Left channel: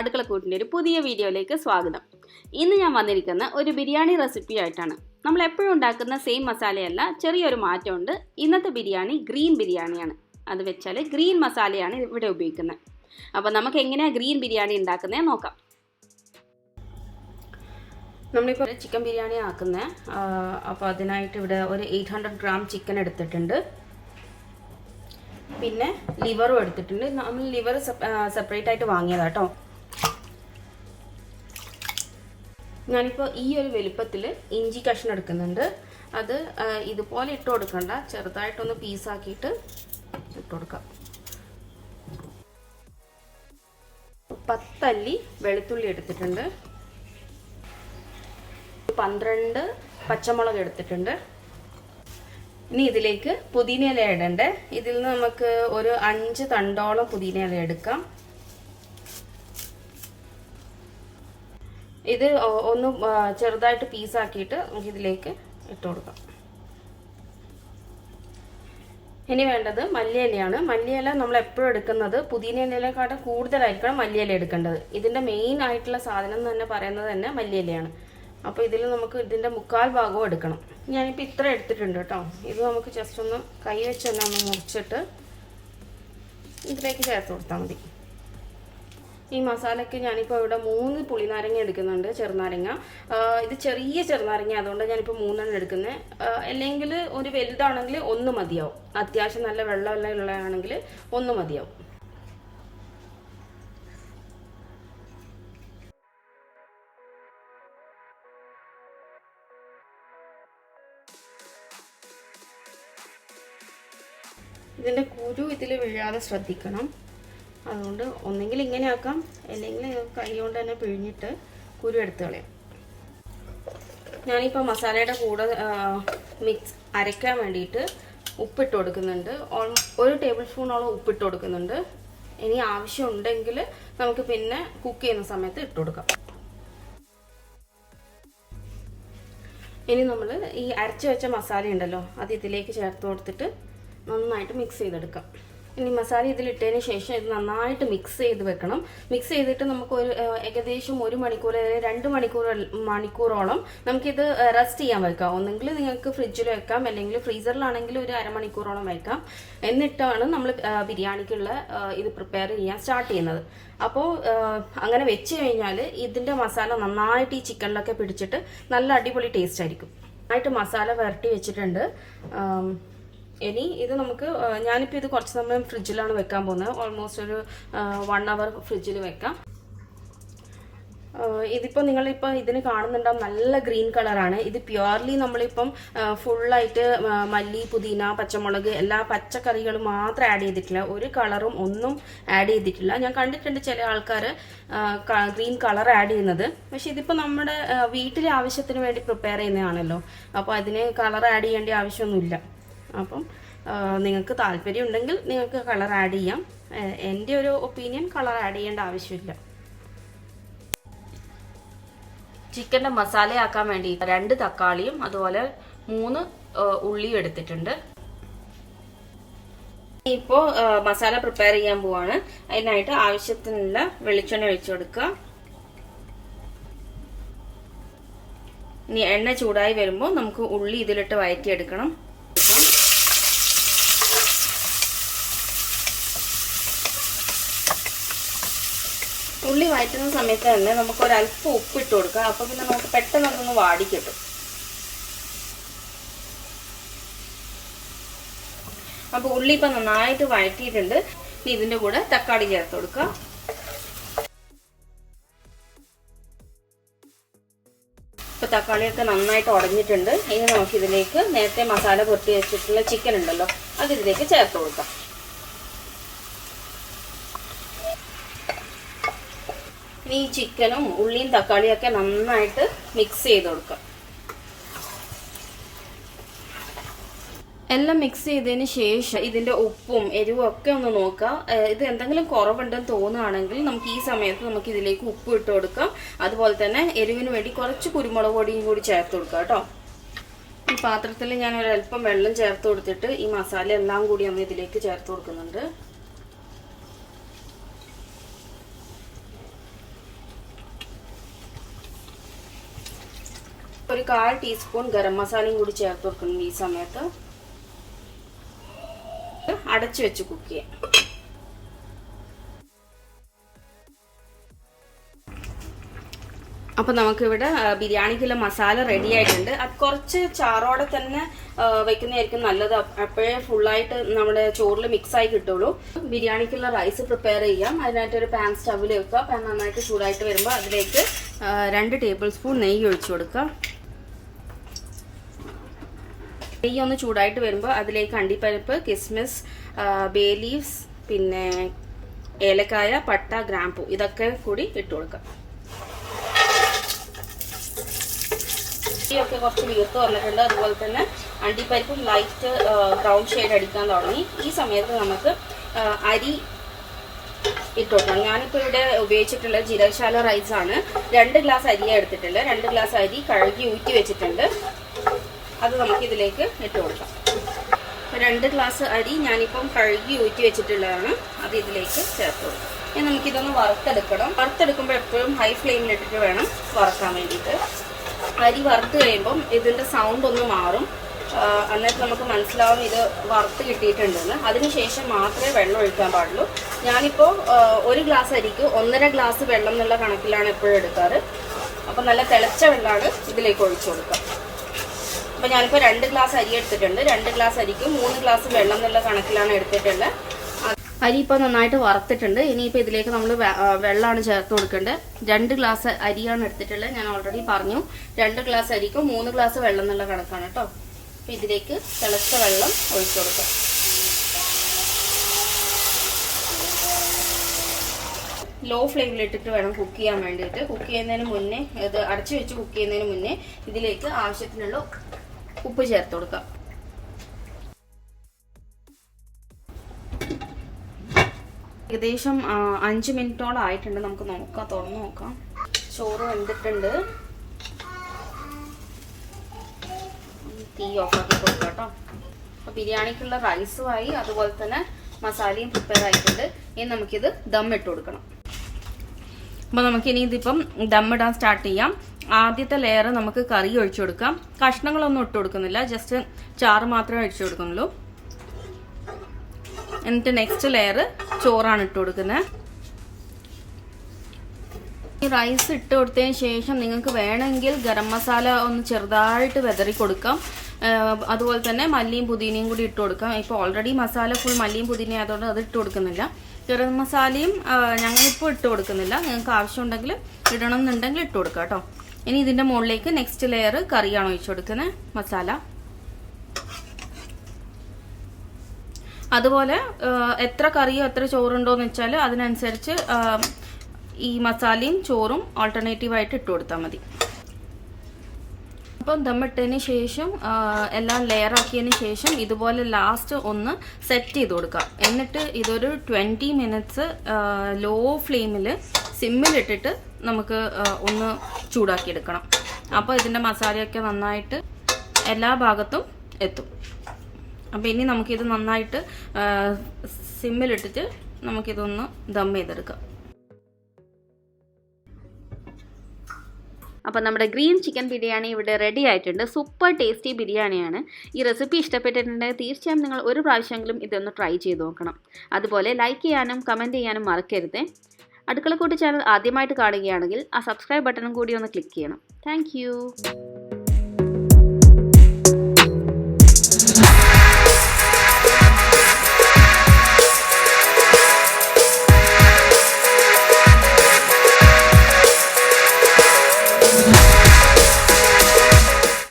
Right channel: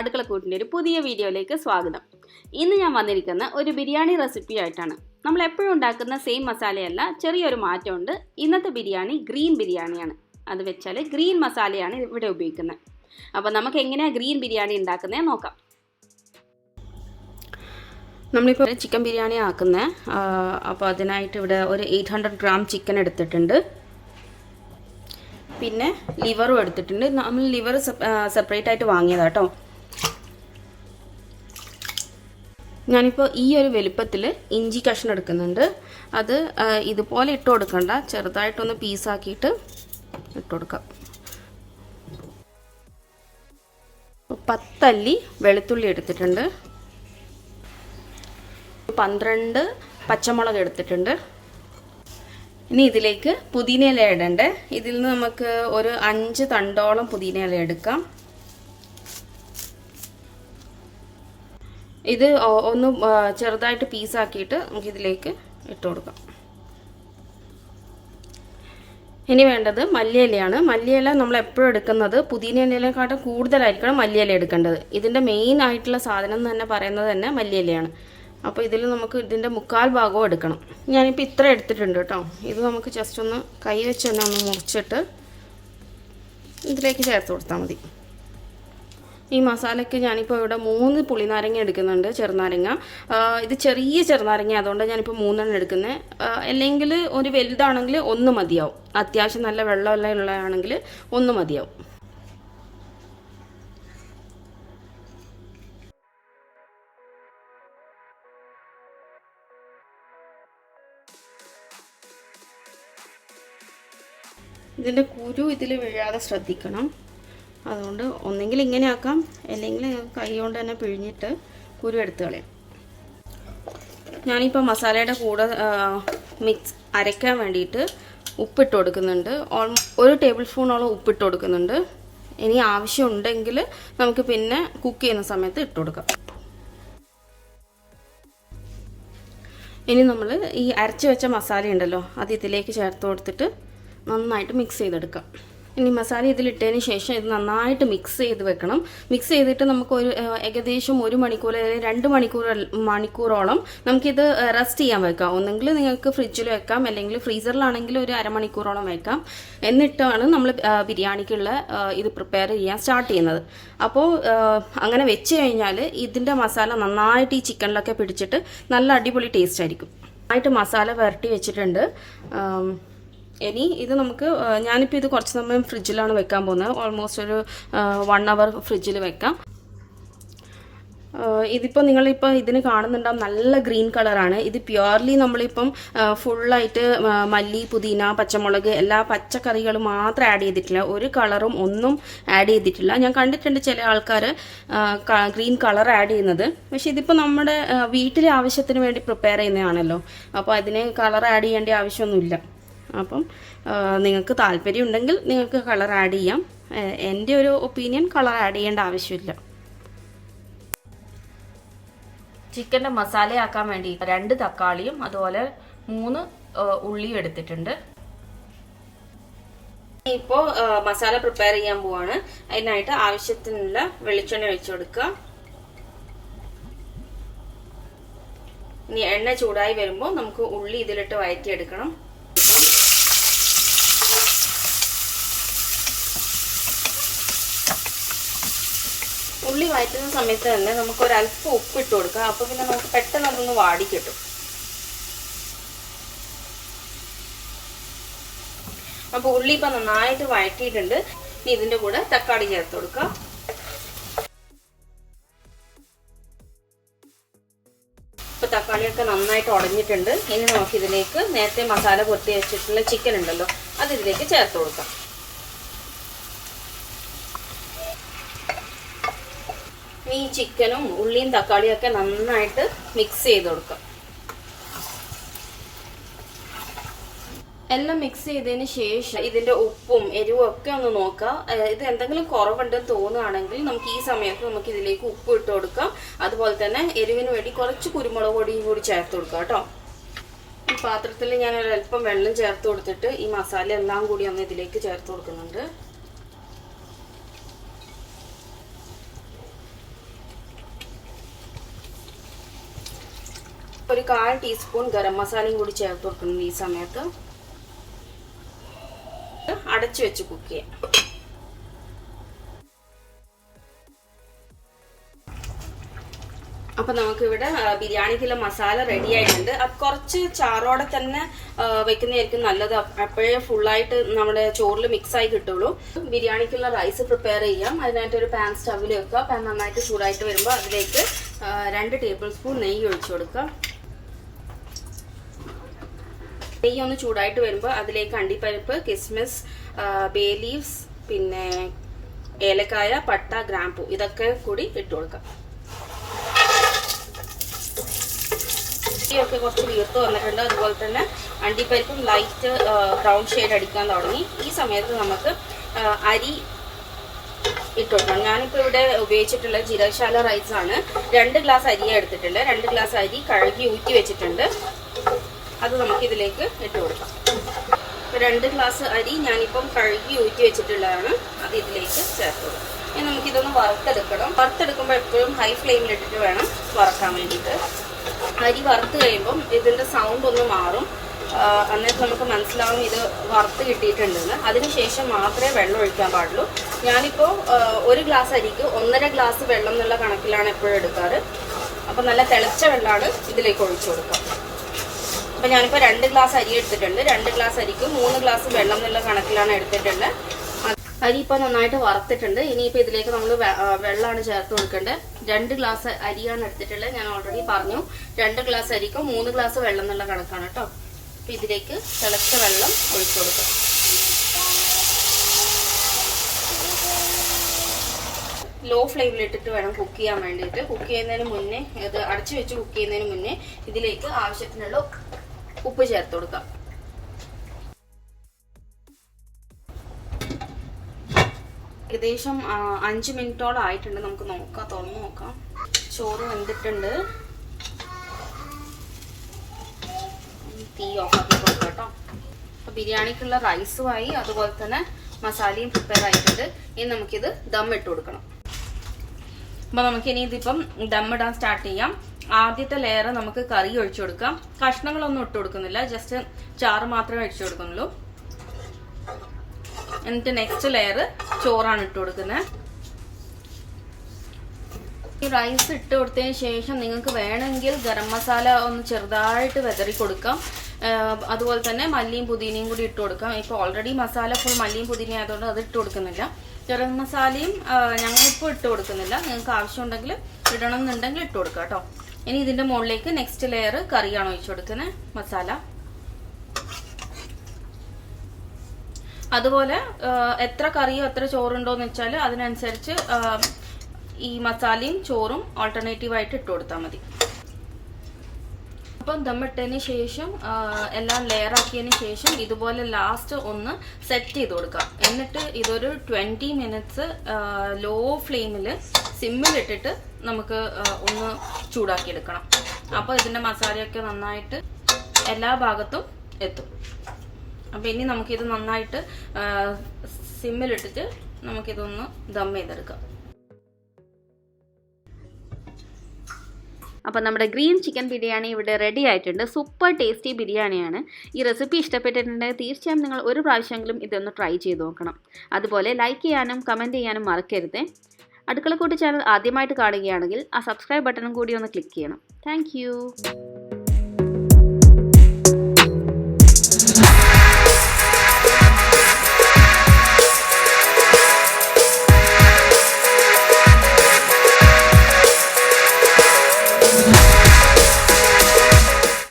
അടുക്കളക്കൂട്ടിൻ്റെ ഒരു പുതിയ വീഡിയോയിലേക്ക് സ്വാഗതം. ഇന്ന് ഞാൻ വന്നിരിക്കുന്ന ഒരു ബിരിയാണി റെസിപ്പി ആയിട്ടാണ്. നമ്മൾ എപ്പോഴും ഉണ്ടാക്കുന്ന സെയിം മസാലയല്ല, ചെറിയൊരു മാറ്റമുണ്ട്. ഇന്നത്തെ ബിരിയാണി ഗ്രീൻ ബിരിയാണിയാണ്. അത് വെച്ചാൽ ഗ്രീൻ മസാലയാണ് ഇവിടെ ഉപയോഗിക്കുന്നത്. അപ്പോൾ നമുക്ക് എങ്ങനെയാണ് ഗ്രീൻ ബിരിയാണി ഉണ്ടാക്കുന്നത് നോക്കാം. നമ്മളിപ്പോൾ ചിക്കൻ ബിരിയാണി ആക്കുന്നത്. അപ്പോൾ അതിനായിട്ട് ഇവിടെ ഒരു 800 ഗ്രാം ചിക്കൻ എടുത്തിട്ടുണ്ട്. പിന്നെ ലിവറും എടുത്തിട്ടുണ്ട്. നമ്മൾ ലിവർ സെപ്പറേറ്റ് ആയിട്ട് വാങ്ങിയതാണ് കേട്ടോ. ഞാനിപ്പോൾ ഈ ഒരു വലുപ്പത്തിൽ ഇഞ്ചി കഷ്ണം എടുക്കുന്നുണ്ട്. അത് ഇതുപോലെ ഇട്ട് കൊടുക്കണ്ട, ചെറുതായിട്ടൊന്ന് പീസാക്കിയിട്ട് ഇട്ട് കൊടുക്കാം. 10 അല്ലി വെളുത്തുള്ളി എടുത്തിട്ടുണ്ട്. 12 പച്ചമുളക് എടുത്തിട്ടുണ്ട്. ഇനി ഇതിലേക്ക് പുതിനയില ഇടണ്ടേ. ഇതിൽ നിന്ന് നമുക്ക് ഒരു 5 തണ്ടോളം പുതിനയില എടുക്കാം. ഇത് ഒന്ന് ചെറുതായിട്ട് പീസാക്കിയിട്ട് നമുക്കിതിലേക്ക് ഇട്ട് കൊടുക്കാം. ഇനി വേണ്ടത് മല്ലിയിലയാണ്. മല്ലിയില നമ്മൾ എപ്പോഴും എടുക്കുന്നത് പുതിനയിലേക്കാട്ടും കൂടുതലായിരിക്കണം മല്ലിയില എടുക്കേണ്ടത്. ഇതിൻ്റെ മെയിൻ ആയിട്ടുള്ള സാധനം എന്ന് തന്നെ പറയുന്നത് തന്നെ മല്ലിയിലയാണ്. അപ്പോൾ ഇതിൽ നമുക്ക് ഇതിൻ്റെ 1/4 ഭാഗവും എടുക്കണം. ഞാനിപ്പോൾ ഇത്ര എടുത്തിട്ടുണ്ട് കേട്ടോ. ഇത് നമുക്ക് ജസ്റ്റ് ഒന്ന് കൈ വെച്ച് തന്നെ ഒന്ന് മുറിച്ചിട്ട് ഇതിലേക്ക് ചേർത്ത് കൊടുത്താൽ മതി. ഈ മസാലയ്ക്ക് ഞാനിപ്പോൾ ഇവിടെ 3 പുളിനാരങ്ങ എടുക്കുന്നുണ്ട്, ചെറുനാരങ്ങ. ഇത് ചെറിയ ചെറുനാരങ്ങ, അതുകൊണ്ട് ഞാനിപ്പോൾ 3 എടുക്കുന്നത്. അല്ലെങ്കിൽ ഒരു വലുതാണെങ്കിൽ 1 മതിയാവും. അത്യാവശ്യം നല്ല വെള്ളമെല്ലാം ഉള്ളതാണെങ്കിൽ 1 മതിയാവും. ഇതിൻ്റെ കുരു ഇതിൽ വീഴാതെ ശ്രദ്ധിക്കണം. അതുകൊണ്ട് ഒന്നെങ്കിൽ ഇങ്ങനെ ആക്കാം, അല്ലെങ്കിൽ കൈ കൊണ്ട് തന്നെ പിഴിഞ്ഞിട്ട് കുരു എടുത്ത് കളയാം. ഞാനിപ്പോൾ മസാലയുടെ കൂടെ അരയ്ക്കാൻ വേണ്ടിയിട്ട് ഉപ്പിട്ട് കൊടുക്കുന്നുണ്ട്. 1 ടേബിൾ സ്പൂണോളം ഉപ്പിട്ട് കൊടുക്കുന്നുണ്ട്. ഇനി ആവശ്യമുണ്ടെങ്കിൽ നമുക്ക് പിന്നെ കുക്ക് ചെയ്യുന്ന സമയത്ത് ഇട്ട് കൊടുക്കാം. ഇനി നമ്മൾ ഈ അരച്ച് വെച്ച മസാല ഉണ്ടല്ലോ, അത് ഇതിലേക്ക് ചേർത്ത് കൊടുത്തിട്ട് നന്നായിട്ട് മിക്സ് ചെയ്തെടുക്കാം. ഇനി മസാല ഇതിലിട്ടതിന് ശേഷം ഇത് നന്നായിട്ട് മിക്സ് ചെയ്ത് വെക്കണം. മിക്സ് ചെയ്തിട്ട് നമുക്ക് ഏകദേശം 1 മണിക്കൂർ അല്ലെങ്കിൽ 2 മണിക്കൂറോളം നമുക്കിത് റെസ്റ്റ് ചെയ്യാൻ വെക്കാം. ഒന്നെങ്കിൽ നിങ്ങൾക്ക് ഫ്രിഡ്ജിൽ വെക്കാം, അല്ലെങ്കിൽ ഫ്രീസറിലാണെങ്കിൽ ഒരു അരമണിക്കൂറോളം വെക്കാം. എന്നിട്ടാണ് നമ്മൾ ബിരിയാണിക്കുള്ള ഇത് പ്രിപ്പയർ ചെയ്യാൻ സ്റ്റാർട്ട് ചെയ്യുന്നത്. അപ്പോൾ അങ്ങനെ വെച്ച് കഴിഞ്ഞാൽ ഇതിൻ്റെ മസാല നന്നായിട്ട് ഈ ചിക്കനിലൊക്കെ പിടിച്ചിട്ട് നല്ല അടിപൊളി ടേസ്റ്റ് ആയിരിക്കും. നന്നായിട്ട് മസാല വരട്ടി വെച്ചിട്ടുണ്ട്. ഇനി ഇത് നമുക്ക് ഞാനിപ്പോൾ ഇത് കുറച്ച് സമയം ഫ്രിഡ്ജിലാണ് വെക്കാൻ പോകുന്നത്. ഓൾമോസ്റ്റ് ഒരു 1 അവർ ഫ്രിഡ്ജിൽ വെക്കാം. ഇതിപ്പോൾ നിങ്ങളിപ്പോൾ ഇതിന് കാണുന്നുണ്ടാവും നല്ല ഗ്രീൻ കളറാണ്. ഇത് പ്യുവർലി നമ്മളിപ്പം ഫുള്ളായിട്ട് മല്ലി, പുതിന, പച്ചമുളക് എല്ലാ പച്ചക്കറികളും മാത്രം ആഡ് ചെയ്തിട്ടില്ല. ഒരു കളറും ഒന്നും ആഡ് ചെയ്തിട്ടില്ല. ഞാൻ കണ്ടിട്ടുണ്ട് ചില ആൾക്കാർ ഗ്രീൻ കളർ ആഡ് ചെയ്യുന്നത്. പക്ഷെ ഇതിപ്പോൾ നമ്മുടെ വീട്ടിലെ ആവശ്യത്തിന് വേണ്ടി പ്രിപ്പയർ ചെയ്യുന്നതാണല്ലോ. അപ്പോൾ അതിന് കളർ ആഡ് ചെയ്യേണ്ട ആവശ്യമൊന്നുമില്ല. അപ്പം നിങ്ങൾക്ക് താല്പര്യം ഉണ്ടെങ്കിൽ നിങ്ങൾക്ക് കളർ ആഡ് ചെയ്യാം. എൻ്റെ ഒരു ഒപ്പീനിയൻ കളർ ആഡ് ചെയ്യേണ്ട ആവശ്യമില്ല. ചിക്കൻ്റെ മസാലയാക്കാൻ വേണ്ടി 2 തക്കാളിയും അതുപോലെ 3 ഉള്ളിയും എടുത്തിട്ടുണ്ട്. ഇപ്പോൾ മസാല പ്രിപ്പയർ ചെയ്യാൻ പോവാണ്. അതിനായിട്ട് ആവശ്യത്തിനുള്ള വെളിച്ചെണ്ണ ഒഴിച്ചു കൊടുക്കുക. ഇനി എണ്ണ ചൂടായി വരുമ്പോൾ നമുക്ക് ഉള്ളി ഇതിലിട്ട് വഴറ്റിയെടുക്കണം. ഉള്ളി വഴറ്റുന്ന സമയത്ത് തന്നെ നമുക്ക് ഒരല്പം ഉപ്പിട്ട് കൊടുക്കാം. അപ്പോൾ പിന്നെ നമുക്ക് പെട്ടെന്ന് അതൊന്ന് വാടി കിട്ടും. അപ്പോൾ ഉള്ളി ഇപ്പം നന്നായിട്ട് വഴറ്റിയിട്ടുണ്ട്. ഇനി ഇതിൻ്റെ കൂടെ തക്കാളി ചേർത്ത് കൊടുക്കാം. ഇപ്പോൾ തക്കാളിയൊക്കെ നന്നായിട്ട് ഉടഞ്ഞിട്ടുണ്ട്. ഇനി നമുക്കിതിലേക്ക് നേരത്തെ മസാല പൊട്ടി വെച്ചിട്ടുള്ള ചിക്കൻ ഉണ്ടല്ലോ, അത് ഇതിലേക്ക് ചേർത്ത് കൊടുക്കാം. ഈ ചിക്കനും ഉള്ളിയും തക്കാളിയും ഒക്കെ നന്നായിട്ട് മിക്സ് ചെയ്ത് കൊടുക്കാം. എല്ലാം മിക്സ് ചെയ്തതിന് ശേഷം ഇതിന്റെ ഉപ്പും എരിവും ഒക്കെ ഒന്ന് നോക്കാം. ഇത് എന്തെങ്കിലും കുറവുണ്ടെന്ന് തോന്നുകയാണെങ്കിൽ നമുക്ക് ഈ സമയത്ത് നമുക്ക് ഇതിലേക്ക് ഉപ്പ് ഇട്ട് കൊടുക്കാം. അതുപോലെ തന്നെ എരിവിന് വേണ്ടി കുറച്ച് കുരുമുളക് പൊടിയും കൂടി ചേർത്ത് കൊടുക്കാം കേട്ടോ. ഈ പാത്രത്തിൽ ഞാൻ ഒരല്പം വെള്ളം ചേർത്ത് കൊടുത്തിട്ട് ഈ മസാല എല്ലാം കൂടി ഒന്ന് ഇതിലേക്ക് ചേർത്ത് കൊടുക്കുന്നുണ്ട്. ഒരു 1/4 ടീസ്പൂൺ ഗരം മസാലയും കൂടി ചേർത്ത് കൊടുക്കുന്നു. ഈ സമയത്ത് അടച്ചു വെച്ച് കുക്ക് ചെയ്യാം. അപ്പോൾ നമുക്കിവിടെ ബിരിയാണിക്കുള്ള മസാല റെഡി ആയിട്ടുണ്ട്. അത് കുറച്ച് ചാറോടെ തന്നെ വെക്കുന്നതായിരിക്കും നല്ലത്. അപ്പോഴേ ഫുള്ളായിട്ട് നമ്മുടെ ചോറിൽ മിക്സ് ആയി കിട്ടുള്ളൂ. ബിരിയാണിക്കുള്ള റൈസ് പ്രിപ്പയർ ചെയ്യാം. അതിനായിട്ട് ഒരു പാൻ സ്റ്റവിൽ വെക്കുക. പാൻ നന്നായിട്ട് ചൂടായിട്ട് വരുമ്പോൾ അതിലേക്ക് 2 ടേബിൾ സ്പൂൺ നെയ്യ് ഒഴിച്ചു കൊടുക്കുക. നെയ്യ് ഒന്ന് ചൂടായിട്ട് വരുമ്പോൾ അതിലേക്ക് അണ്ടിപ്പരിപ്പ്, കിസ്മിസ്, ബേ ലീവ്സ്, പിന്നെ ഏലക്കായ, പട്ട, ഗ്രാമ്പൂ ഇതൊക്കെ കൂടി ഇട്ട് കൊടുക്കാം. ഒക്കെ കുറച്ച് വീർത്ത് വന്നിട്ടുണ്ട്. അതുപോലെ തന്നെ അണ്ടിപ്പരിപ്പും ലൈറ്റ് ബ്രൗൺ ഷെയ്ഡ് അടിക്കാൻ തുടങ്ങി. ഈ സമയത്ത് നമുക്ക് അരി ഇട്ട് കൊടുക്കണം. ഞാനിപ്പോൾ ഇവിടെ ഉപയോഗിച്ചിട്ടുള്ള ജീരകശാല റൈസ് ആണ്. 2 ഗ്ലാസ് അരിയാണ് എടുത്തിട്ടുള്ളത്. 2 ഗ്ലാസ് അരി കഴുകി ഊറ്റി വെച്ചിട്ടുണ്ട്. അത് നമുക്ക് ഇതിലേക്ക് ഇട്ട് കൊടുക്കാം. 2 ഗ്ലാസ് അരി ഞാനിപ്പം കഴുകി ഊറ്റി വെച്ചിട്ടുള്ളതാണ്. അത് ഇതിലേക്ക് ചേർത്ത് കൊടുക്കാം. ഇനി നമുക്കിതൊന്ന് വറുത്തെടുക്കണം. വറുത്തെടുക്കുമ്പോൾ എപ്പോഴും ഹൈ ഫ്ലെയിമിലിട്ടിട്ട് വേണം വറക്കാൻ വേണ്ടിയിട്ട്. അരി വറുത്ത് കഴിയുമ്പം ഇതിൻ്റെ സൗണ്ട് ഒന്ന് മാറും. എന്നിട്ട് നമുക്ക് മനസ്സിലാവും ഇത് വറുത്ത് കിട്ടിയിട്ടുണ്ടെന്ന്. അതിനുശേഷം മാത്രമേ വെള്ളം ഒഴിക്കാൻ പാടുള്ളൂ. ഞാനിപ്പോൾ 1 ഗ്ലാസ് അരിക്ക് 1.5 ഗ്ലാസ് വെള്ളം എന്നുള്ള കണക്കിലാണ് എപ്പോഴും എടുക്കാറ്. അപ്പോൾ നല്ല തിളച്ച വെള്ളമാണ് ഇതിലേക്ക് ഒഴിച്ചു കൊടുക്കുക. അപ്പോൾ ഞാനിപ്പോൾ 2 ഗ്ലാസ് അരി എടുത്തിട്ടുണ്ട്. 2 ഗ്ലാസ് അരിക്ക് 3 ഗ്ലാസ് വെള്ളം എന്നുള്ള കണക്കിലാണ് എടുത്തിട്ടുള്ളത്. അരി ഇപ്പോൾ നന്നായിട്ട് വറുത്തിട്ടുണ്ട്. ഇനിയിപ്പോൾ ഇതിലേക്ക് നമ്മൾ വെള്ളമാണ് ചേർത്ത് കൊടുക്കേണ്ടത്. 2 ഗ്ലാസ് അരിയാണ് എടുത്തിട്ടുള്ളത്. ഞാൻ ഓൾറെഡി പറഞ്ഞു 2 ഗ്ലാസ് അരിക്കും 3 ഗ്ലാസ് വെള്ളം എന്നുള്ള കണക്കാണ് കേട്ടോ. അപ്പോൾ ഇതിലേക്ക് തിളച്ച വെള്ളം ഒഴിച്ചു കൊടുക്കാം. ലോ ഫ്ലെയിമിലിട്ടിട്ട് വേണം കുക്ക് ചെയ്യാൻ വേണ്ടിയിട്ട്. കുക്ക് ചെയ്യുന്നതിന് മുന്നേ ഇത് അടച്ചു വെച്ച് കുക്ക് ചെയ്യുന്നതിന് മുന്നേ ഇതിലേക്ക് ആവശ്യത്തിനുള്ള ഉപ്പ് ചേർത്ത് കൊടുക്കാം. ഏകദേശം 5 മിനിറ്റോളം ആയിട്ടുണ്ട്. നമുക്ക് നോക്കാം, തുറന്ന് നോക്കാം. ചോറ് വെന്തിട്ടുണ്ട്. തീ ഓഫാക്കി കൊടുക്കാം കേട്ടോ. അപ്പോൾ ബിരിയാണിക്കുള്ള റൈസുമായി അതുപോലെ തന്നെ മസാലയും പ്രിപ്പയർ ആയിട്ടുണ്ട്. ഇനി നമുക്കിത് ദം ഇട്ട് കൊടുക്കണം. അപ്പോൾ നമുക്കിനി ഇതിപ്പം ദം ഇടാൻ സ്റ്റാർട്ട് ചെയ്യാം. ആദ്യത്തെ ലെയർ നമുക്ക് കറി ഒഴിച്ചു കൊടുക്കാം. കഷ്ണങ്ങളൊന്നും ഇട്ട് കൊടുക്കുന്നില്ല, ജസ്റ്റ് ചാറ് മാത്രമേ ഒഴിച്ചു കൊടുക്കുന്നുള്ളൂ. എന്നിട്ട് നെക്സ്റ്റ് ലെയർ ചോറാണ് ഇട്ട് കൊടുക്കുന്നത്. ഈ റൈസ് ഇട്ട് കൊടുത്തതിന് ശേഷം നിങ്ങൾക്ക് വേണമെങ്കിൽ ഗരം മസാല ഒന്ന് ചെറുതായിട്ട് വെതറി കൊടുക്കാം. അതുപോലെ തന്നെ മല്ലിയും പുതിനയും കൂടി ഇട്ട് കൊടുക്കാം. ഇപ്പോൾ ഓൾറെഡി മസാല ഫുൾ മല്ലിയും പുതിനയും ആയതുകൊണ്ട് അത് ഇട്ട് കൊടുക്കുന്നില്ല. ഗരം മസാലയും ഞങ്ങളിപ്പോൾ ഇട്ട് കൊടുക്കുന്നില്ല. നിങ്ങൾക്ക് ആവശ്യമുണ്ടെങ്കിൽ ഇടണം എന്നുണ്ടെങ്കിൽ ഇട്ട് കൊടുക്കാം കേട്ടോ. ഇനി ഇതിൻ്റെ മുകളിലേക്ക് നെക്സ്റ്റ് ലെയർ കറിയാണ് ഒഴിച്ചു കൊടുക്കുന്നത്, മസാല. അതുപോലെ എത്ര കറിയോ എത്ര ചോറുണ്ടോയെന്ന് വെച്ചാൽ അതിനനുസരിച്ച് ഈ മസാലയും ചോറും ആൾട്ടർനേറ്റീവായിട്ട് ഇട്ട് കൊടുത്താൽ മതി. അപ്പം ദമ്മിട്ടതിന് ശേഷം എല്ലാം ലെയർ ആക്കിയതിന് ശേഷം ഇതുപോലെ ലാസ്റ്റ് ഒന്ന് സെറ്റ് ചെയ്ത് കൊടുക്കാം. എന്നിട്ട് ഇതൊരു 20 മിനിറ്റ്സ് ലോ ഫ്ലെയിമിൽ സിമ്മിലിട്ടിട്ട് നമുക്ക് ഒന്ന് ചൂടാക്കിയെടുക്കണം. അപ്പോൾ ഇതിൻ്റെ മസാലയൊക്കെ നന്നായിട്ട് എല്ലാ ഭാഗത്തും എത്തും. അപ്പോൾ ഇനി നമുക്കിത് നന്നായിട്ട് സിമ്മിലിട്ടിട്ട് നമുക്കിതൊന്ന് ദം ചെയ്തെടുക്കാം. അപ്പോൾ നമ്മുടെ ഗ്രീൻ ചിക്കൻ ബിരിയാണി ഇവിടെ റെഡി ആയിട്ടുണ്ട്. സൂപ്പർ ടേസ്റ്റി ബിരിയാണിയാണ്. ഈ റെസിപ്പി ഇഷ്ടപ്പെട്ടിട്ടുണ്ടെങ്കിൽ തീർച്ചയായും നിങ്ങൾ ഒരു പ്രാവശ്യമെങ്കിലും ഇതൊന്ന് ട്രൈ ചെയ്ത് നോക്കണം. അതുപോലെ ലൈക്ക് ചെയ്യാനും കമൻറ്റ് ചെയ്യാനും മറക്കരുത്. അടുക്കളക്കൂട്ട് ചാനൽ ആദ്യമായിട്ട് കാണുകയാണെങ്കിൽ ആ സബ്സ്ക്രൈബ് ബട്ടണും കൂടി ഒന്ന് ക്ലിക്ക് ചെയ്യണം. താങ്ക്